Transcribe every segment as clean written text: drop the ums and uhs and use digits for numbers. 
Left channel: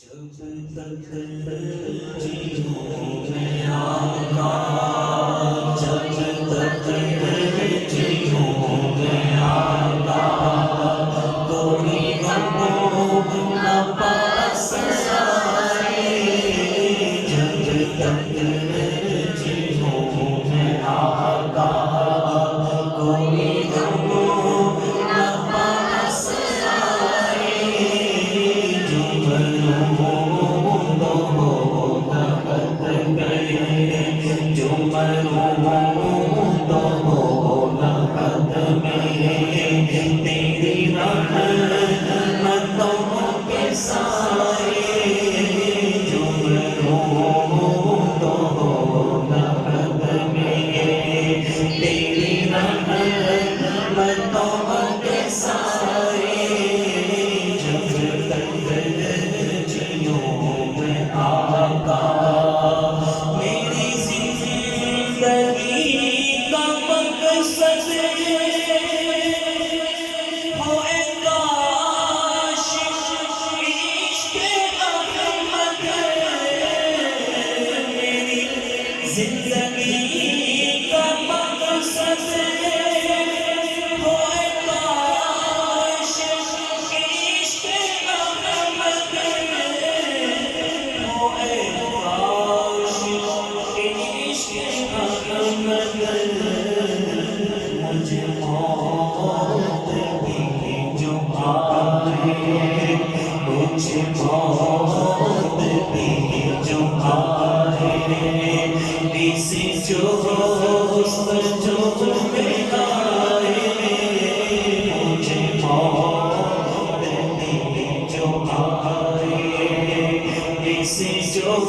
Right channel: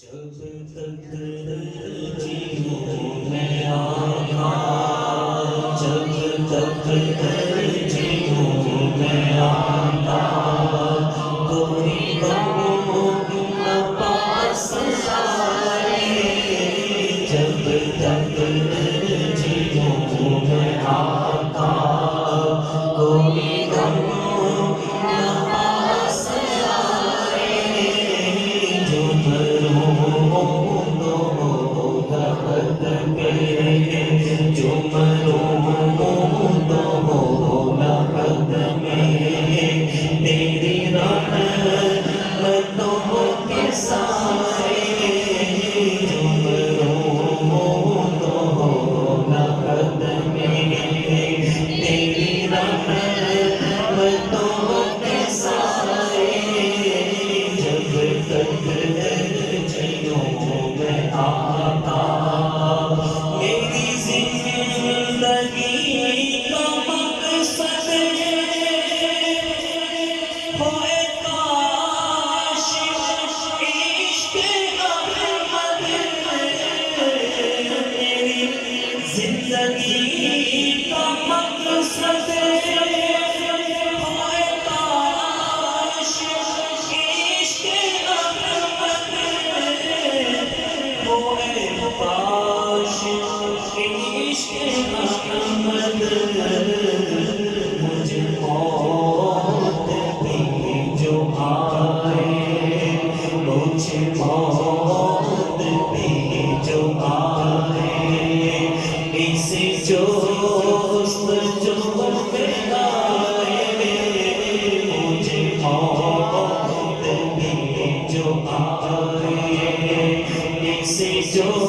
जब तक जीऊं मैं आका, जब तक जीऊं मैं आका, कोई गम न पास आए। जब तक जीऊं मैं आका, कोई गम न पास आए। जो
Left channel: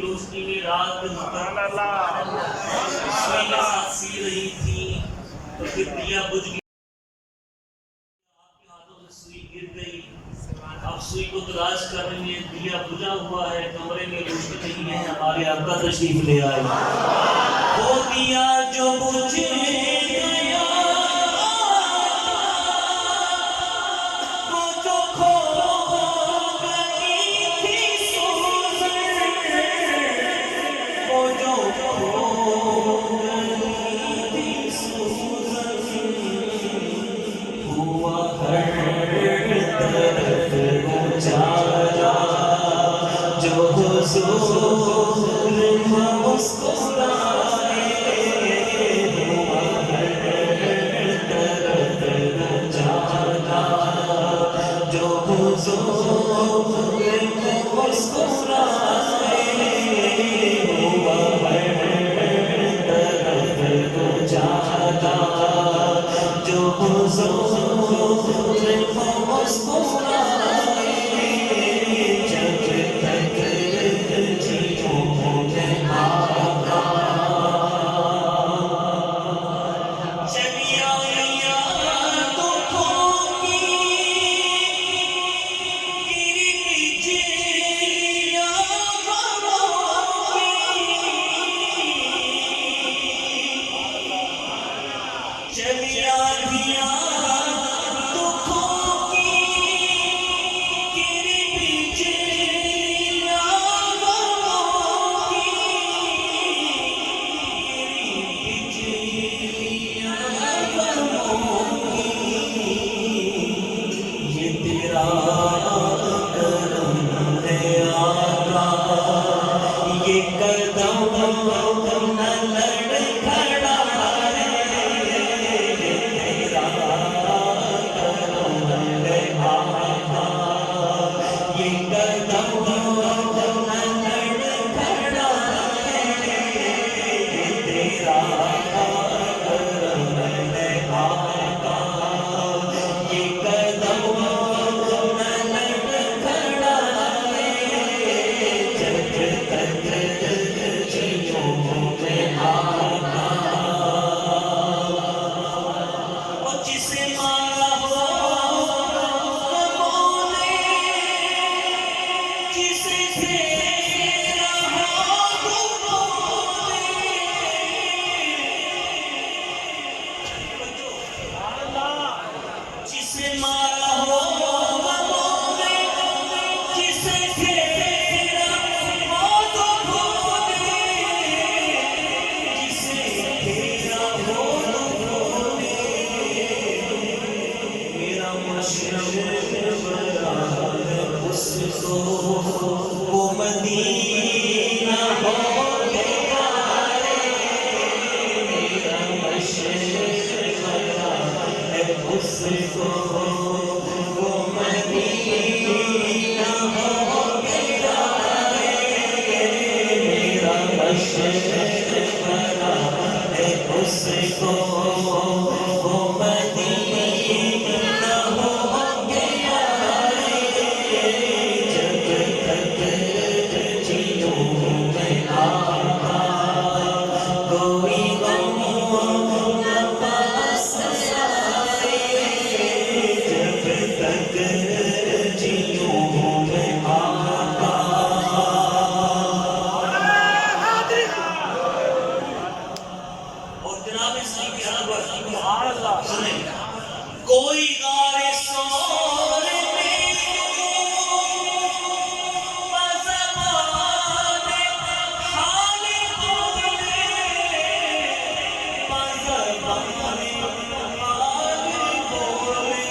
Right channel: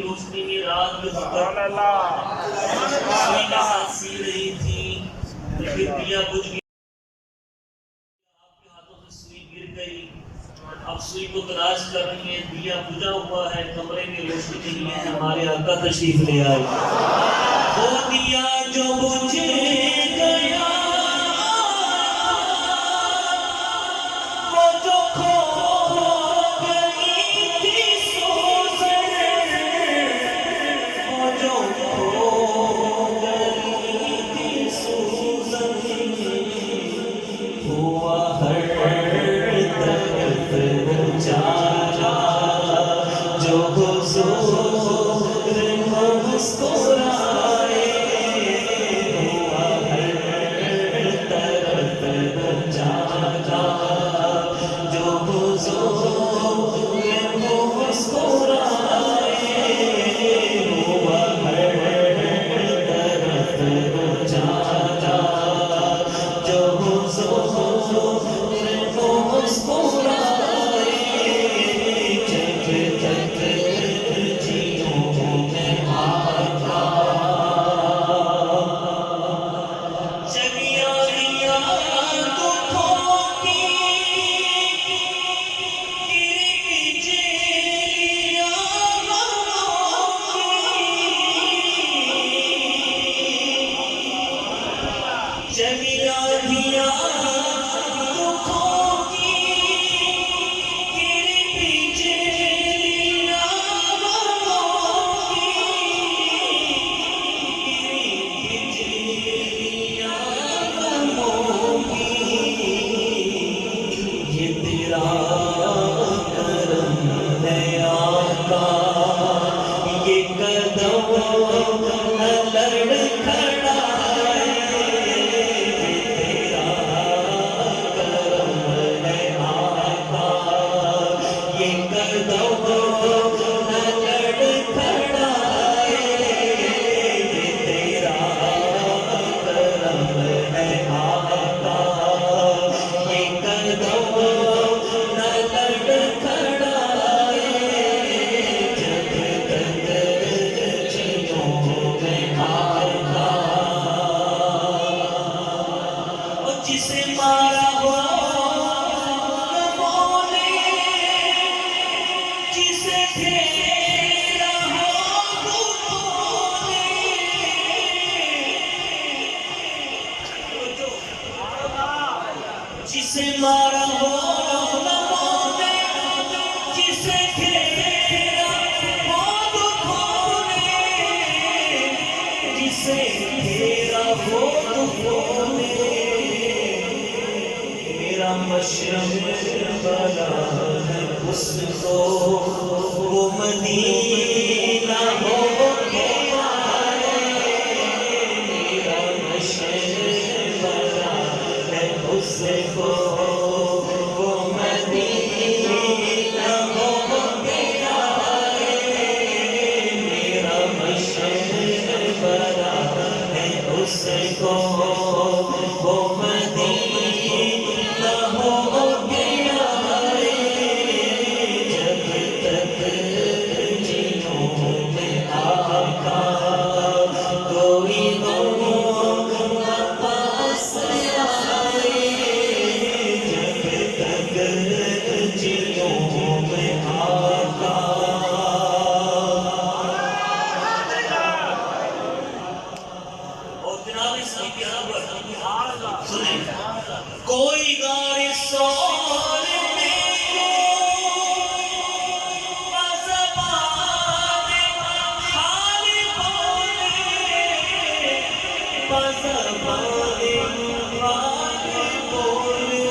रोशनी में रात में सुई के साथ सी रही थी, तो फिर दिया बुझ गया, आपके हाथों से सुई गिर गई। अब सुई को तलाश कर रही है, दिया बुझा हुआ है, कमरे में रोशनी नहीं है। हमारे आका तशरीफ ले आए। वो दिया जो बुझ गया, वो जो खो गई थी सोज़र, वो जो खो गई थी सोज़र, हुआ हर तरफ उजाला, जो हुज़ूर मुस्कुराए। चली आंधियां दुखों की तेरे पीछे लिया गमों की तेरे पीछे लिया गमों की ये तेरा करम है आका ये कदम जिसे मारा हो गमों ने जिसे घेरा हो दुखों ने जिसे मारा हो गमों ने जिसे घेरा हो दुखों ने जिसे घेरा हो दुखों ने मशरक़ बना है उसको वो मदीना हो गया मेरा मशरक़ बना है उसको वो मदीना हो गया मेरा मशरक़ बना है उसको वो कोई गारे सोर में बज़बाने हाल बोले बज़बाने हाल बोले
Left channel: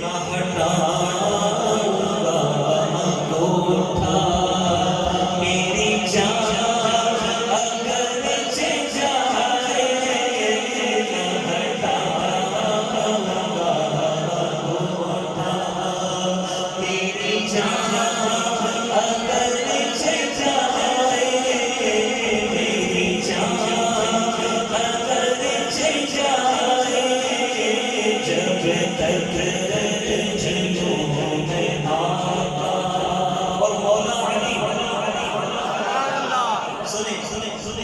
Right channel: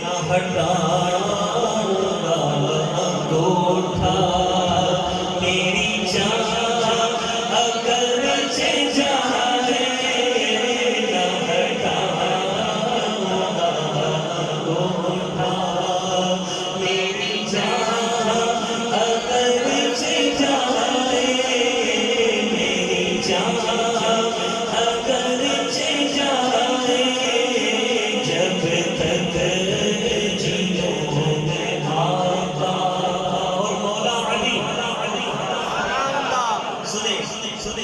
न हटाऊंगा अंगूठा मेरी जान अगर जाए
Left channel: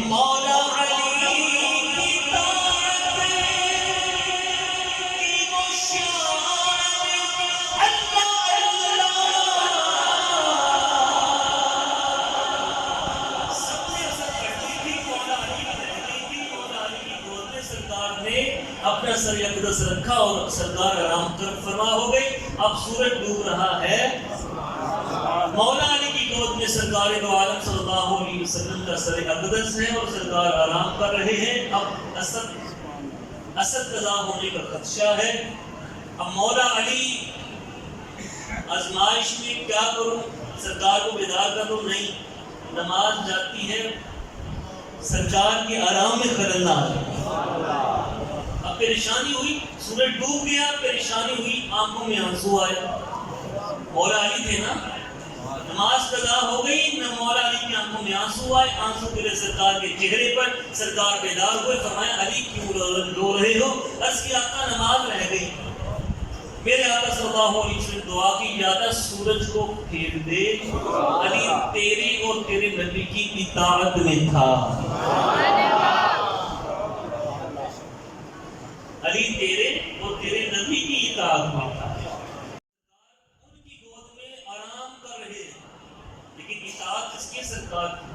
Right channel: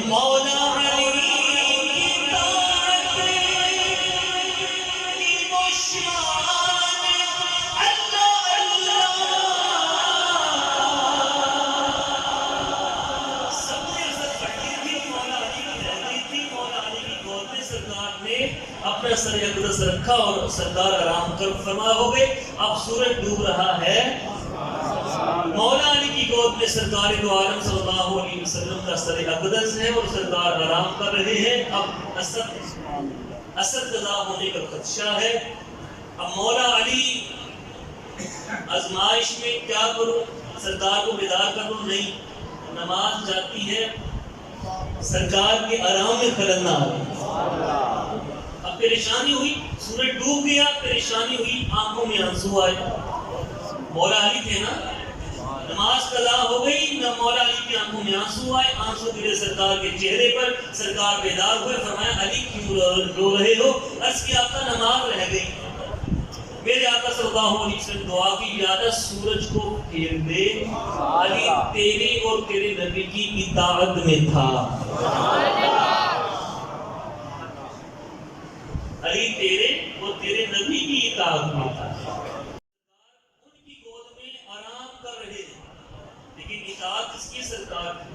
मौला अली की ताअत की वो शान अल्लाह अल्लाह सबने असर पढ़ी थी मौला अली की रह गई थी मौला अली की गोद में सरकार ने अपना सर अक़दस रखा और सरकार आराम कर फरमा हो गए। अब सूरज डूब रहा है मौला अली की गोद में सरकार दो आलम सल्लल्लाहु अलैहि वसल्लम का सर अक़दस है और सरकार आराम कर रहे हैं। अब असद कज़ा होने का खदशा है। अब मौला अली आजमाइश में क्या करूं, सरकार को बेदार कर दूं? नहीं, नमाज जाती है सरकार के आराम में खलल ना आए। अब परेशानी हुई, सूरज डूब गया, परेशानी हुई, आंखों में आंसू आए। मौला अली थे ना, नमाज कज़ा हो गई, न मौला अली की आंखों में आंसू आए, आंसू गिरे सरकार के चेहरे पर। सरकार बेदार हुए, फरमाया अली क्यों रो रहे हो? अर्ज़ किया आका नमाज रह गई। मेरे आका सल्लल्लाहु अलैहि वसल्लम दुआ की यादा सूरज को फेर दे, अली तेरे और तेरे नबी की इताअत में था। अली तेरे और तेरे नबी की इताअत में था। उनकी गोद में आराम कर रहे हैं, लेकिन इताअत किसकी? सरकार की।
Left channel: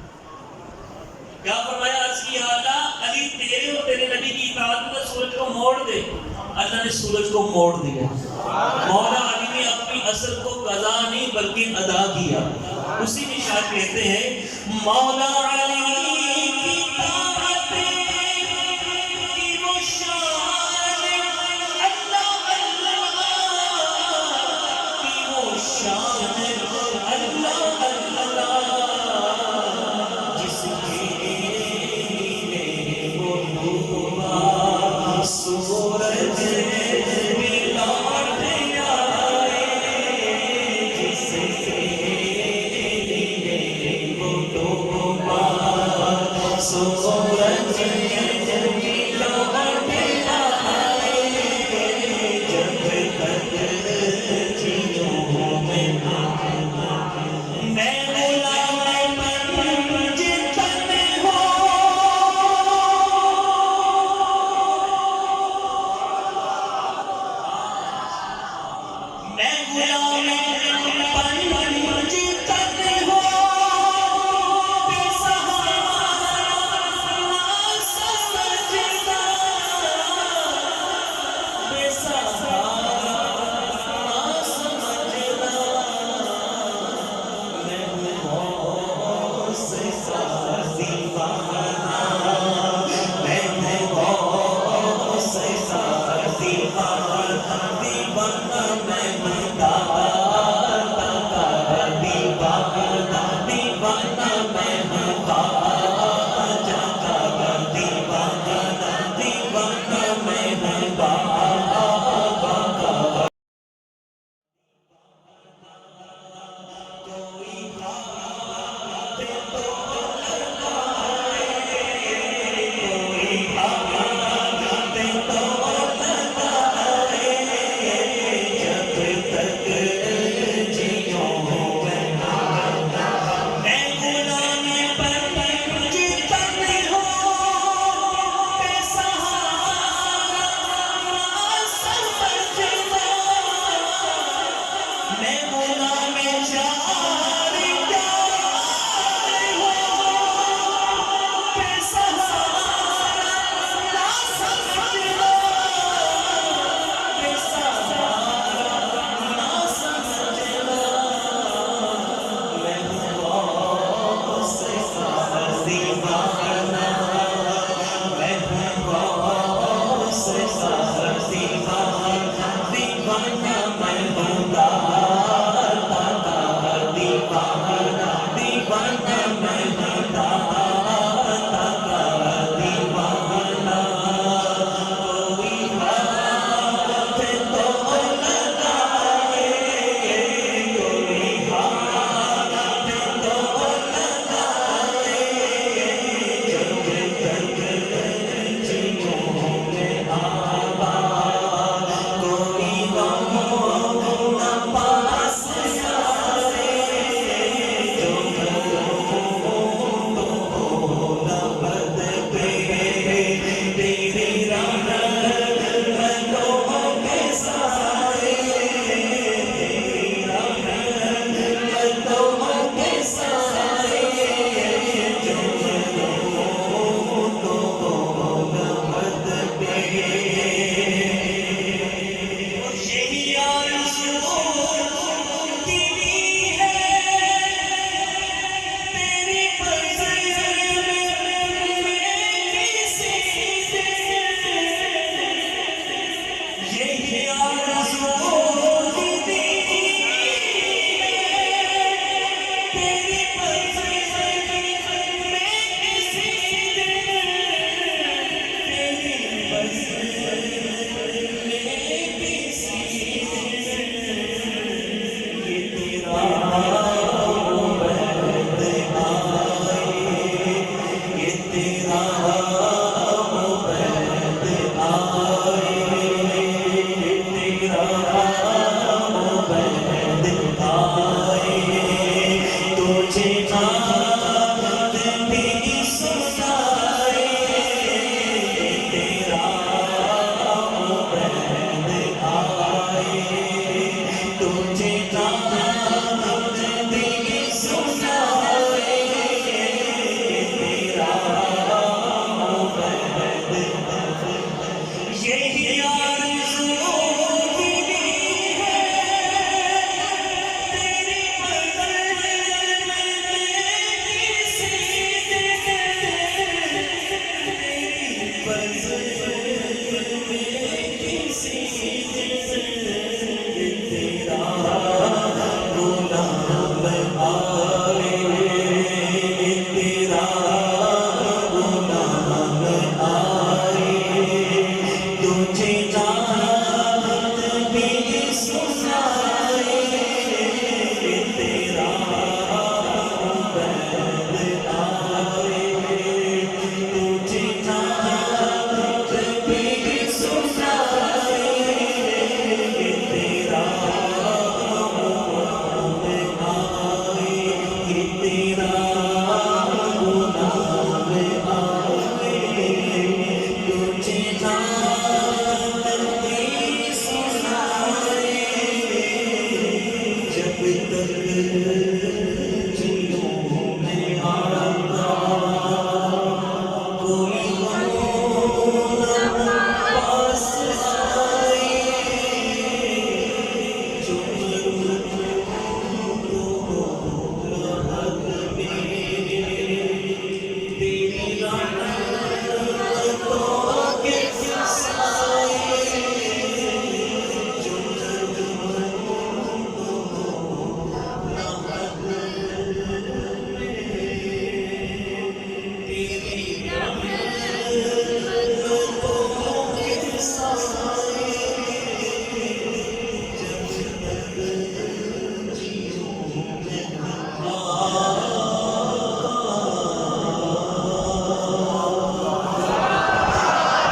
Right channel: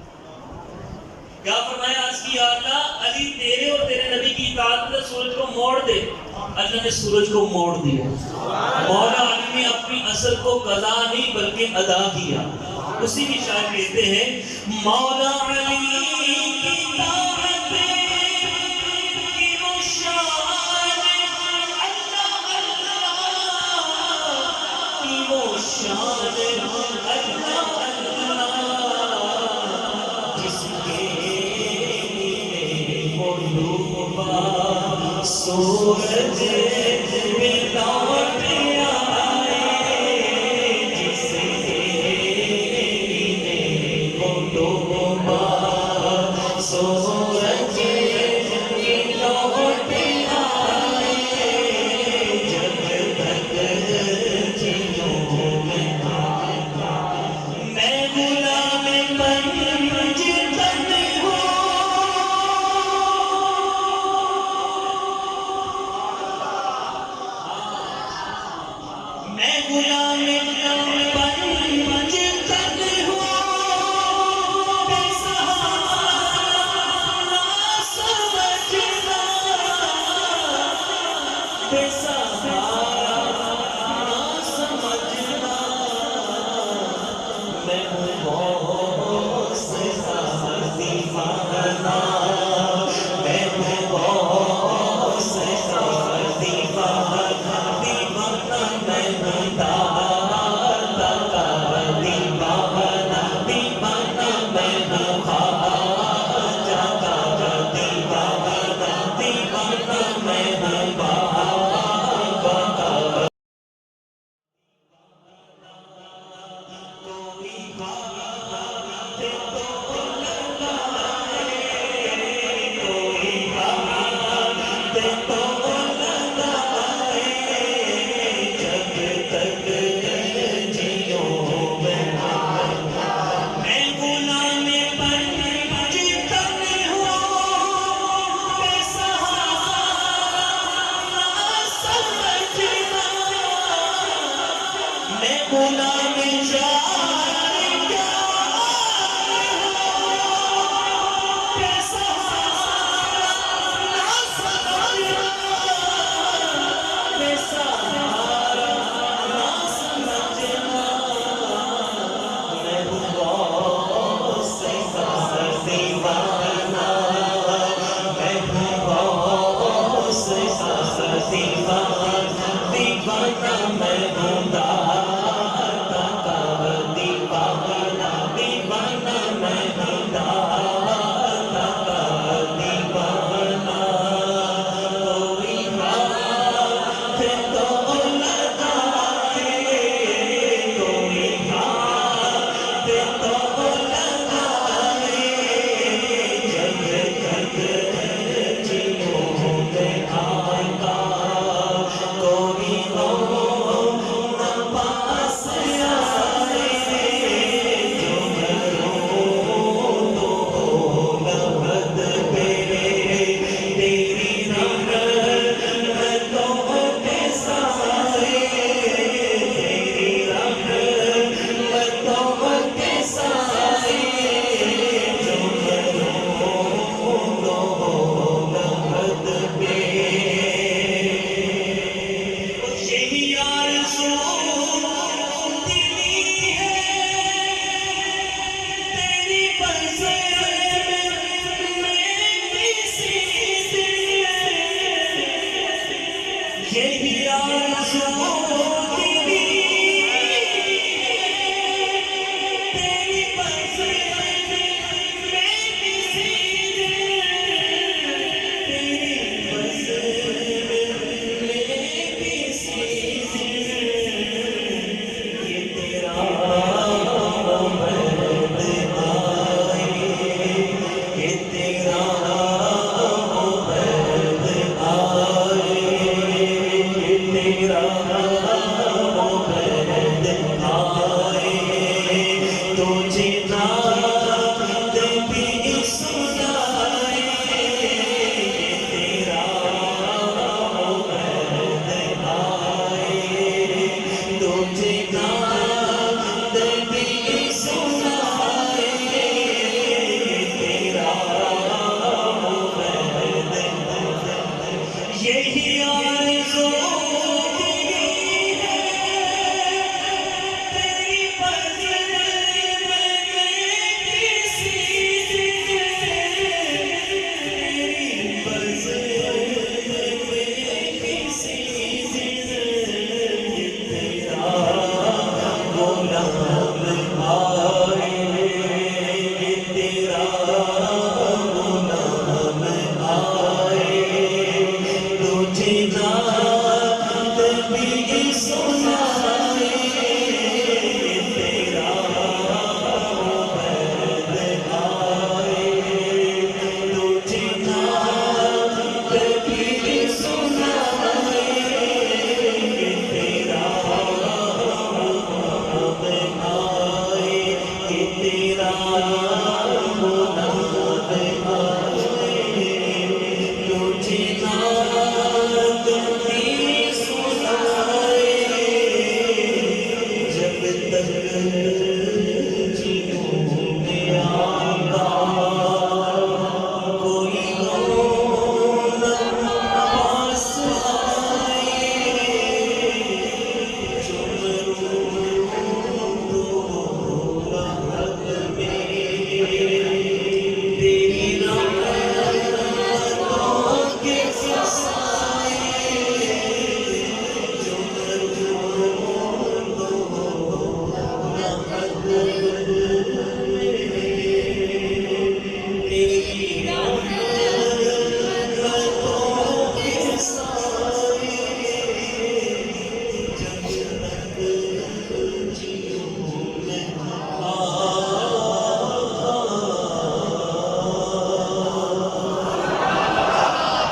क्या फरमाया अर्ज़ किया अल्लाह अली तेरे और तेरे नबी की इताअत में सूरज को मोड़ दे, अल्लाह ने सूरज को मोड़ दिया। मौला अली ने अपनी असर को कज़ा नहीं बल्कि अदा किया। उसी की शान कहते हैं मौला अली की ताअत की वो शान, अल्लाह अल्लाह की वो शान, अल्लाह अल्लाह जिसके लिए वो डूबा सूरज में लौट आए, जिसके लिए वो डूबा सूरज